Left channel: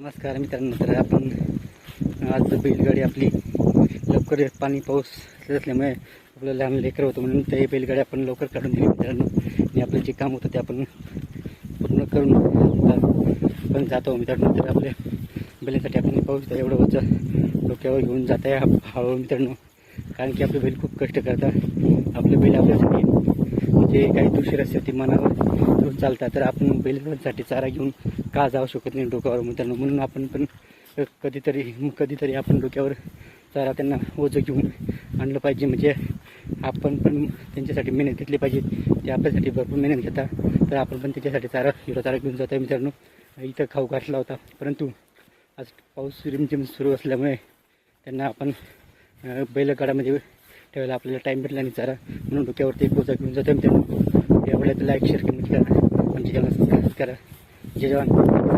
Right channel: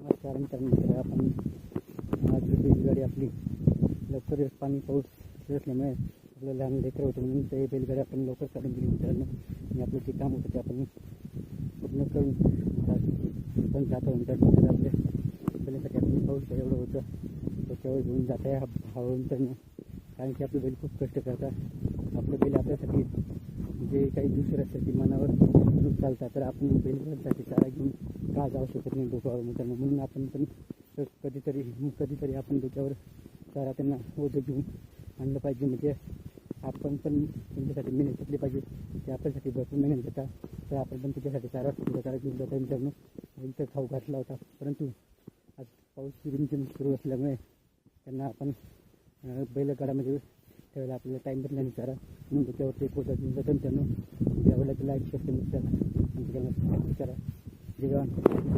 नमस्कार मित्रांनो, तर आपण आज बैलगाडी आपली लवकर पाणी पाऊस असल्यामुळे आपलं लहान लेकर होतं म्हणून ते बैलगाडी आपण लवकर काढून दिली मित्रांनो. आणि आपलं जे काम होतं ते आपण पूर्ण करून पण जातो मित्रांनो. तर आपल्या बैलांसाठी आपण पाऊस एवढं वरचं डोक्यावर घेऊन जात आहे हळूहळू मित्रांनो, कारण की आपले बैल खूप कष्ट करतात. आपले बैल आपल्यासाठी जे काही दुसरे असते ते मनावर चालतात, तर आपण बैलांसाठी चारा घेऊन का जाऊ शकत नाही डोक्यावर मित्रांनो. म्हणून आपण पण कधीतरी आपण डोक्यावर चारा त्यांना ओझं घेऊन आणलं पाहिजे. म्हणजे आपण पण त्यांच्यासाठी मेहनत घेतली पाहिजे. ते आपल्यासाठी भरपूर मेहनत घेतात, तर आपण पण त्याच्यासाठी चारा घेऊन जातो मित्रांनो. इथं खाऊ घातला होता, परंतु आज पाऊस रिमझिम सुरू असल्यामुळे त्यांना आपण बैलगाडामध्ये ठेवायला आपल्याला टाईम भेटला नाही चारा, म्हणून डोक्यावरती एक बोजा घेऊन जातो मित्रांनो. यावेळेला लाईक शेअर कमेंट करा, आमच्या चॅनल सबस्क्राईब करा. जय जवान.